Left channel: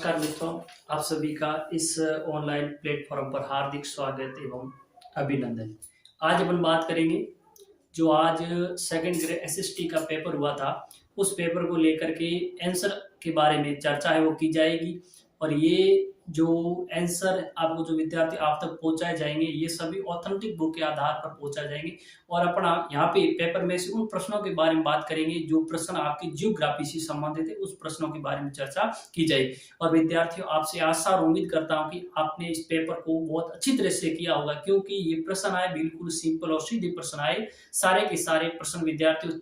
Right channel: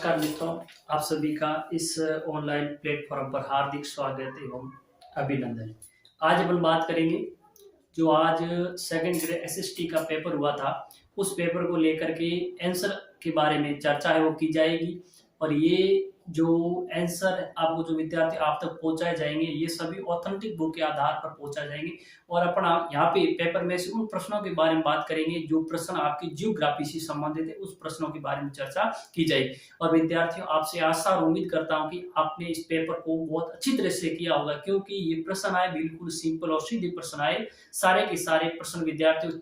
नमस्कार मित्रों, आप सभी का इस ऑनलाइन प्लेटफॉर्म पर हार्दिक स्वागत एवं अभिनंदन। आज अपन बात करेंगे जो आज सेकंड ग्रेड एसएसटी का पेपर हुआ था, उस पेपर को लेकर के आंसर के बारे में चर्चा है वो की जाएगी। और ये जो आंसर आपको जो विद्यार्थी आप तक पहुंचाए जाएंगे, ये सभी ऑथेंटिक बुक के आधार पर पहुंचाए जाएंगे। और अपना यहाँ पे पेपर में से उन प्रश्नों के बारे में बात करेंगे जो प्रश्न आपकी जियोग्राफी से संबंधित है, उस प्रश्नों के बारे में चर्चा की जाएगी। और विद्यार्थियों, आपसे आशा और उम्मीद करता हूँ कि आपने इस पेपर को बहुत अच्छी तरह से किया होगा, क्योंकि ये प्रश्न आए बिल्कुल सिंपल और सीधे प्रश्न आए। सारे के सारे प्रश्न विद्यार्थियों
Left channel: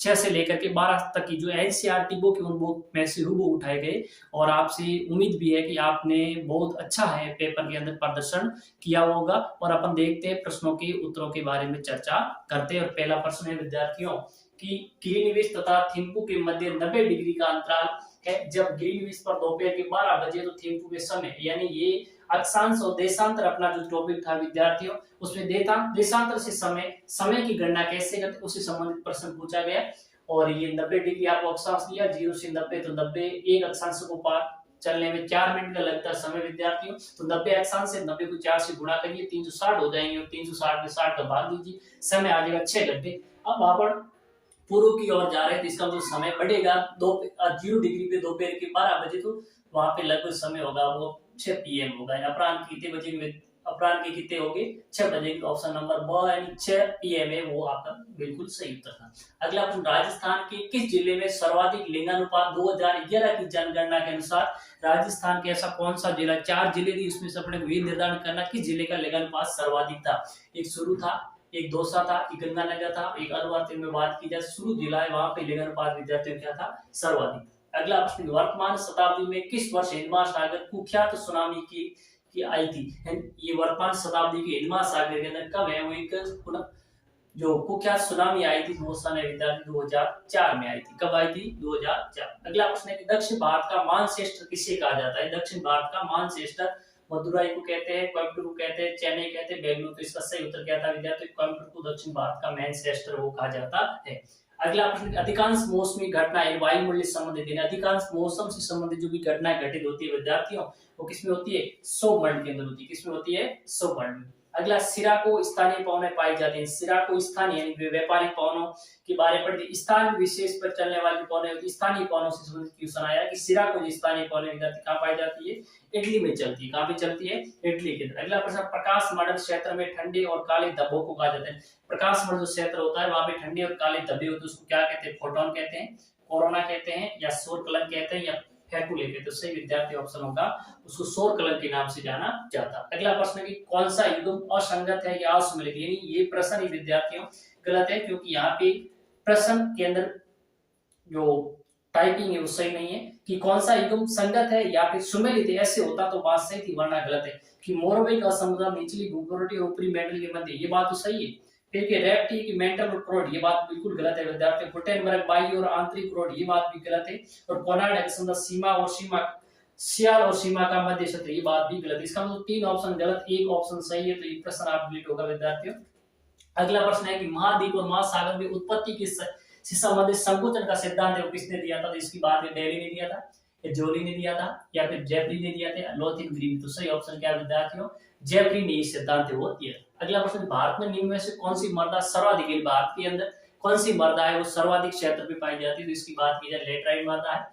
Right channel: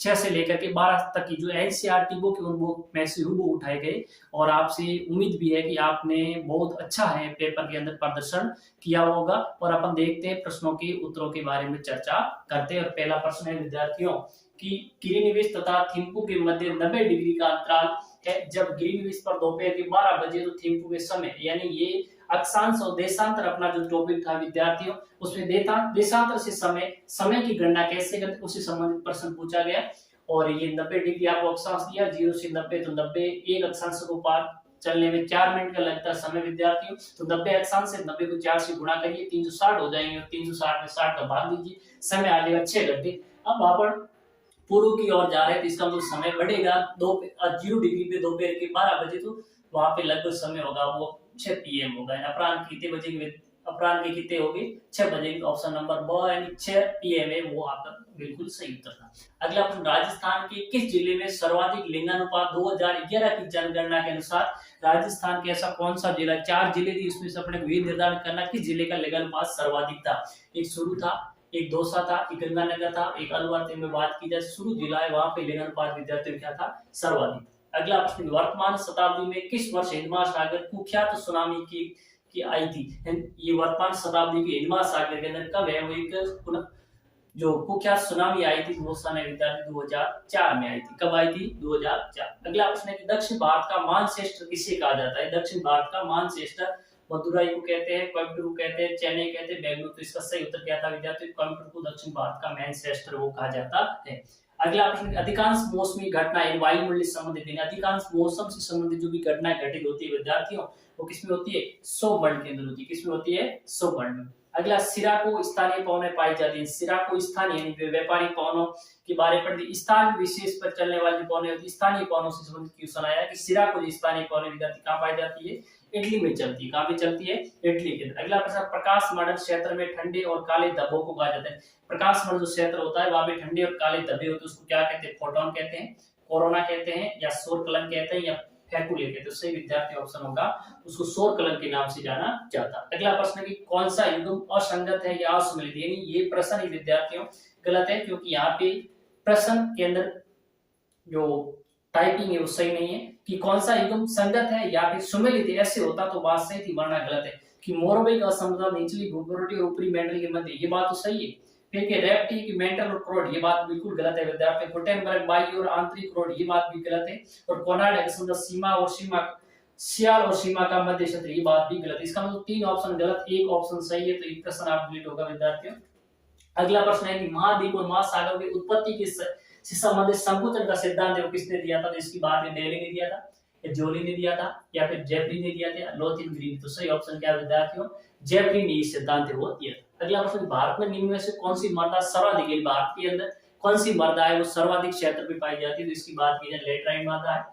6 से लेकर के 12 तक की जो एनसीईआरटी बुक है उन बुक में से हूबहू उठाए गए। और आपसे उम्मीद भी है कि आपने बहुत अच्छा है पेपर के अंदर प्रदर्शन किया होगा। और अपन देखते हैं प्रश्नों के उत्तरों के बारे में चर्चा करते हैं। और पहला प्रश्न है विद्यार्थियों कि ग्रीनविच तथा थिम्पू के मध्य 90 डिग्री का अंतराल है। जब ग्रीनविच पर दोपहर के 12 बजे तो थिम्पू में समय, यानी ये अक्षांश और देशांतर अपना जो टॉपिक था विद्यार्थियों, उसमें देशांतर से समय की गणना कैसे करते उससे संबंधित प्रश्न पूछा गया। और ये 90 डिग्री आपको अक्षांश दिया, 0 से 90, तो 90 एक अक्षांश को पार चलने में 4 मिनट का लगता है समय विद्यार्थियों। तो 90 अक्षांश से 90 को 4 से गुणा करिए, 360 हो जाएंगे। और 360 में 60 का भाग दीजिए, समय आ जाएगा 6 घंटे। अब अपन पूर्व की ओर जा रहे हैं तो इसका मतलब समय बढ़ेगा। 0 डिग्री पे दोपहर के 12 बजे, तो वहां पे लगभग समय होगा वो 6 पीएम होगा। अपराह्न कितने बजे, अपराह्न के कितने होंगे 6 बजे। ऑप्शन नंबर ब यानी 6 पीएम है वो आपका बिल्कुल सही उत्तर था। अगला प्रश्न, राजस्थान के किस जिले में सर्वाधिक लिंगानुपात 2011 की जनगणना के अनुसार, राजस्थान के ऐसा कौन सा जिला, 4 जिले थी उसमें से अपने को ये निर्धारण करना किस जिले का लिंगानुपात सर्वाधिक था। एक शुरू था, एक दौसा था, एक गंगानगर था, एक अलवर। में बात की जाए शुरू जिला है, वहां पे लिंगानुपात विद्यार्थियों क्या था, सर्वाधिक। अगला प्रश्न, वर्तमान शताब्दी में किस वर्ष हिंद महासागर कुख्यात सुनामी की आई थी। ये वर्तमान शताब्दी की हिंद महासागर के अंदर कब है वो एक जो कुख्यात सुनामी आई थी वो सन विद्यार्थी 2004 में आई थी। कब आई थी, 2004। अगला प्रश्न है कि दक्षिण भारत का मानचेस्टर किसे कहा जाता है। दक्षिण भारत का मानचेस्टर मदुराई को कहते हैं, कोयम्बटूर को कहते हैं, चेन्नई कहते हैं, बेंगलुरु। तो इसका सही उत्तर क्या था विद्यार्थियों, कोयम्बटूर को दक्षिण भारत का मैनचेस्टर वो कहा जाता है। अगला प्रश्न, अधिकांश मौसमी घटनाएं वायुमंडलीय संबंधित है। अधिकांश मौसम से संबंधित जो भी घटनाएं घटित होती है विद्यार्थियों, वो किसमें होती है, सौमंडल के अंदर होती है। किसमें होती है, सौमंडल। अगला, सिराको स्थानीय पवनें पाई जाती है। सिराको स्थानीय यानी व्यापारिक पवनों के बारे में स्थान विशेष पर चलने वाली पवनें होती है। स्थानीय पवनों से संबंधित क्वेश्चन आया कि सिराको जो स्थानीय पवनें विद्यार्थी कहाँ पाई जाती है, इटली में चलती है। कहाँ पे चलती है, इटली के अंदर। अगला प्रश्न, प्रकाश मंडल क्षेत्र में ठंडे और काले धब्बों को कहा जाता है। प्रकाश मंडल जो क्षेत्र होता है वहां पे ठंडे और काले धब्बे होते हैं, उसको क्या कहते हैं, फोटोन कहते हैं, कोरोना कहते हैं, या सौर कलन कहते हैं, या फैकुले कहते हैं। सही विद्यार्थी ऑप्शन होगा, उसको सौर कलन के नाम से जाना जाता है। अगला प्रश्न कि कौन सा युग्म असंगत है या असम्मिलित, यानी ये प्रश्न ही विद्यार्थियों गलत है, क्योंकि यहाँ पे प्रश्न के अंदर जो टाइपिंग है वो सही नहीं है। कि कौन सा युग्म संगत है या फिर सुमेलित है, ऐसे होता तो बात सही थी, वरना गलत है। कि मोरबई का समुद्र निचली भूगर्भीय और ऊपरी मेंटल के मध्य, ये बात तो सही है। फिर के रेप्टी की मेंटल और क्रोड, ये बात बिल्कुल गलत है विद्यार्थी। गुटेनबर्ग बाह्य और आंतरिक क्रोड, ये बात भी गलत है। और कोनाड सीमा और सीमा, सियाल और सीमा का मध्य क्षेत्र, ये बात भी गलत है। इसका मतलब 3 ऑप्शन गलत, 1 ऑप्शन सही है। तो ये प्रश्न आप डिलीट होगा विद्यार्थियों। अगला प्रश्न है कि महाद्वीप और महासागर की उत्पत्ति की से संबंधित संकुचन का सिद्धांत है वो किसने दिया था। तो इसकी बात है डेली ने दिया था, या जोली ने दिया था, या फिर जेफरी ने दिया था, लोथिन ग्रीन। तो सही ऑप्शन क्या है विद्यार्थियों, जेफरी ने ये सिद्धांत है वो दिया था। अगला प्रश्न, भारत में निम्न में से कौन सी मृदा सर्वाधिक है। भारत के अंदर कौन सी मृदा है वो सर्वाधिक क्षेत्र पे पाई जाती है। तो इसकी बात की जाए लेटराइट मृदा है,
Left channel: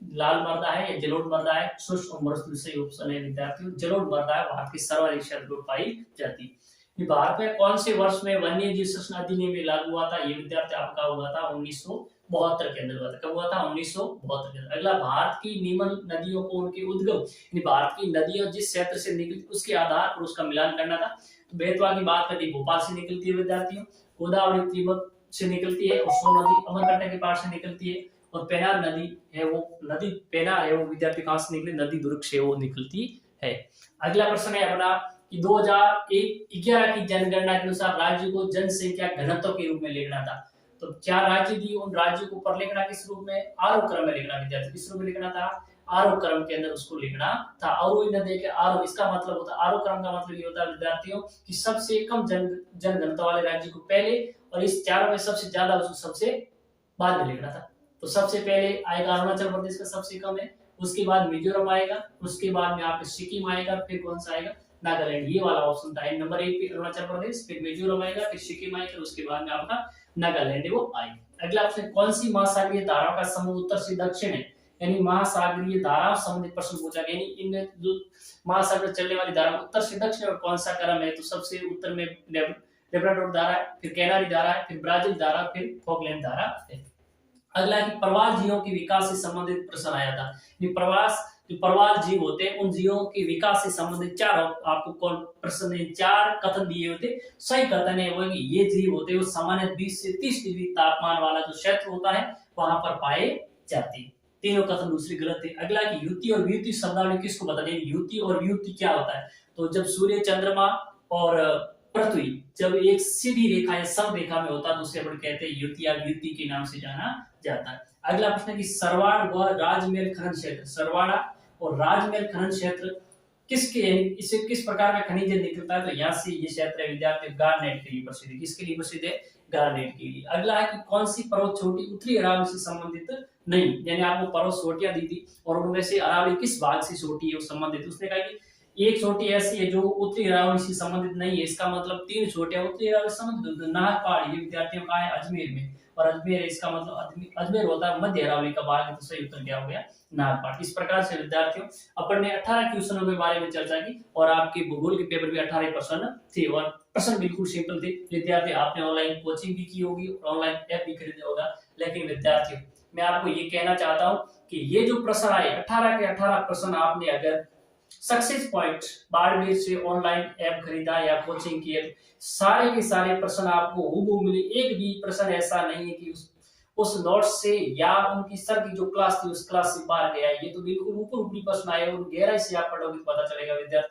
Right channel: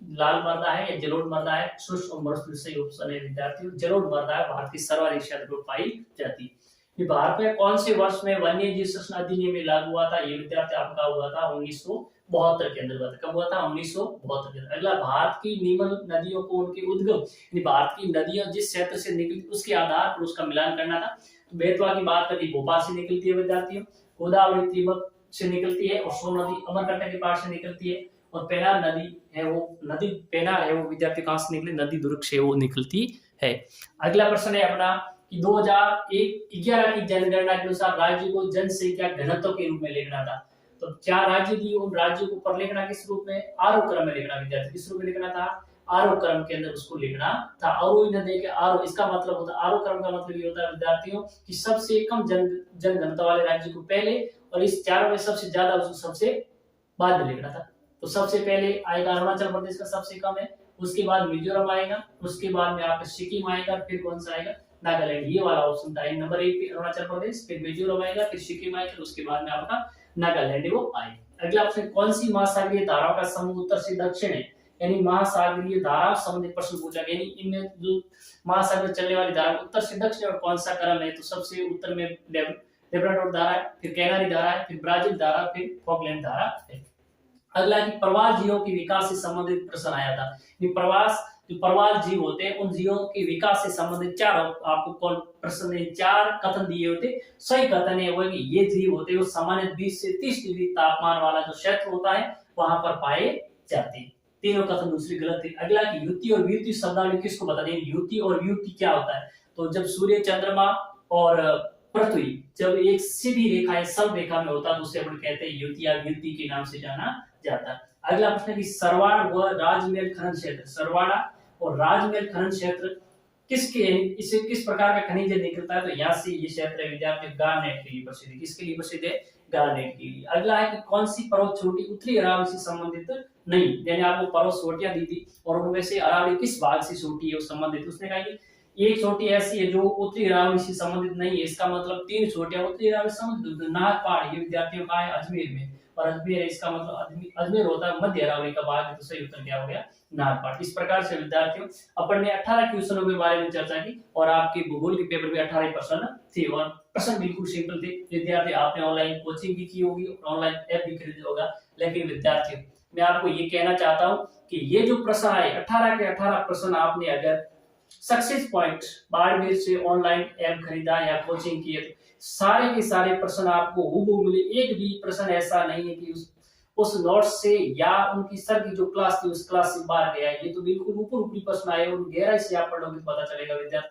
लाल मृदा है, या जलोढ़ मृदा है, शुष्क और मृदु। सही ऑप्शन है विद्यार्थियों, जलोढ़ मृदा है भारत की सर्वाधिक क्षेत्र पर पाई जाती है। भारत में कौन से वर्ष में वन्य जीव संरक्षण अधिनियम में लागू हुआ था। ये विद्यार्थी आपका हुआ था 1972 के अंदर हुआ था। कब हुआ था, 1972 के अंदर। अगला, भारत की निम्न नदियों को उनके उद्गम, भारत की नदियां जिस क्षेत्र से निकली उसके आधार पर उसका मिलान करना था। बेतवा की बात करती भोपाल से निकलती है विद्यार्थियों, गोदावरी त्रिभुवन से निकलती है, और सोन नदी अमरकंटक के पास से निकलती है, और पेनार नदी है वो नदी पेनार है वो विद्यार्थी कहां से निकली, नदी दुर्ग से वो निकलती है। अगला प्रश्न है अपना कि 2011 की जनगणना के अनुसार राज्य को जनसंख्या घनत्व के रूप में लिखना था। तो 4 राज्य दिए, उन राज्यों को पर लिखना किस रूप में, आरोह क्रम में लिखना विद्यार्थी। किस रूप में लिखना था, आरोह क्रम के अंदर उसको लिखना था। आरोही न देके आरोह, इसका मतलब होता है, आरोह क्रम का मतलब ये होता है विद्यार्थियों कि सबसे कम जनघनत्व वाले राज्य को पहले, और इस 4 में सबसे ज्यादा उसको सबसे बाद में लिखना था। तो सबसे पहले आएगा अरुणाचल प्रदेश का सबसे कम है, उसके बाद मिजोरम आएगा, उसके बाद में आपका सिक्किम आएगा, फिर कौन सा आएगा, नागालैंड। ये वाला ऑप्शन था। नंबर 1 पे अरुणाचल प्रदेश, फिर मिजोरम आएगा, फिर सिक्किम आएगा, उसके बाद में आपका नागालैंड वो आएगा। अगला ऑप्शन, कौन सी महासागरीय धाराओं का समूह उत्तर से दक्षिण है, यानी महासागरीय धारा संबंधित प्रश्न पूछा गया, यानी इनमें जो महासागर चलने वाली धारा उत्तर से दक्षिण और कौन सा क्रम है, तो सबसे उत्तर में लेब्राडोर धारा है, फिर कैनारी धारा है, फिर ब्राजील धारा, फिर फॉकलैंड धारा है। अगला कि प्रवाल जीवों के विकास से संबंधित प्रश्न आया था। ये प्रवास जो प्रवाल जीव होते हैं उन जीवों के विकास से संबंधित चार आपको प्रश्न ने चार कथन दिए होते। सही कथन है वो कि ये जीव होते हैं वो सामान्य 20 से 30 डिग्री तापमान वाला जो क्षेत्र होता है वहां पर पाए जाते हैं। तीनों कथन दूसरी गलत है। अगला कि युति और व्युति शब्दावली किसको बता दें। युति और व्युति क्या होता है, तो जब सूर्य चंद्रमा और पृथ्वी जब एक सीधी रेखा है सब रेखा में होता है तो उसे अपन कहते हैं युति या व्युति के नाम से जाना जाता है। अगला प्रश्न है कि सरवाण व राजमहल खनन क्षेत्र, सरवाड़ा और राजमहल खनन क्षेत्र किसके, इससे किस प्रकार का खनिज निकलता है, तो यहाँ से ये क्षेत्र है विद्यार्थी गारनेट के लिए प्रसिद्ध है। किसके लिए प्रसिद्ध है, गारनेट के लिए। अगला है कि कौन सी पर्वत छोटी उत्तरी अरावली से संबंधित नहीं, यानी आपको पर्वत चोटियां दी थी और उनमें से अरावली किस भाग से छोटी है संबंधित, उसने कहा कि एक चोटी ऐसी है जो उत्तरी अरावली से संबंधित नहीं है। इसका मतलब 3 चोटियां उत्तरी अरावली से संबंधित। नाग पहाड़ ये विद्यार्थियों का है अजमेर में, और अजमेर इसका मतलब अजमेर होता है मध्य अरावली का भाग है, तो सही उत्तर क्या हो गया, नागपाड़। इस प्रकार से विद्यार्थियों अपन ने 18 क्वेश्चनों के बारे में चर्चा की और आपके भूगोल के पेपर में 18 प्रश्न थे और प्रश्न बिल्कुल सिंपल थे। विद्यार्थी आपने ऑनलाइन कोचिंग भी की होगी, ऑनलाइन ऐप भी खरीदा होगा, लेकिन विद्यार्थियों मैं आपको ये कहना चाहता हूं कि ये जो प्रश्न आए 18 के 18 प्रश्न आपने अगर सक्सेस पॉइंट बाड़मेर से ऑनलाइन ऐप खरीदा या कोचिंग किए तो सारे के सारे प्रश्न आपको हूबहू मिले। एक भी प्रश्न ऐसा नहीं है कि उस नोट्स से या उनकी सर की जो क्लास थी उस क्लास से बाहर गया। ये तो बिल्कुल ऊपर ऊपरी प्रश्न आए और गहराई से आप पढ़ोगे तो पता चलेगा विद्यार्थी।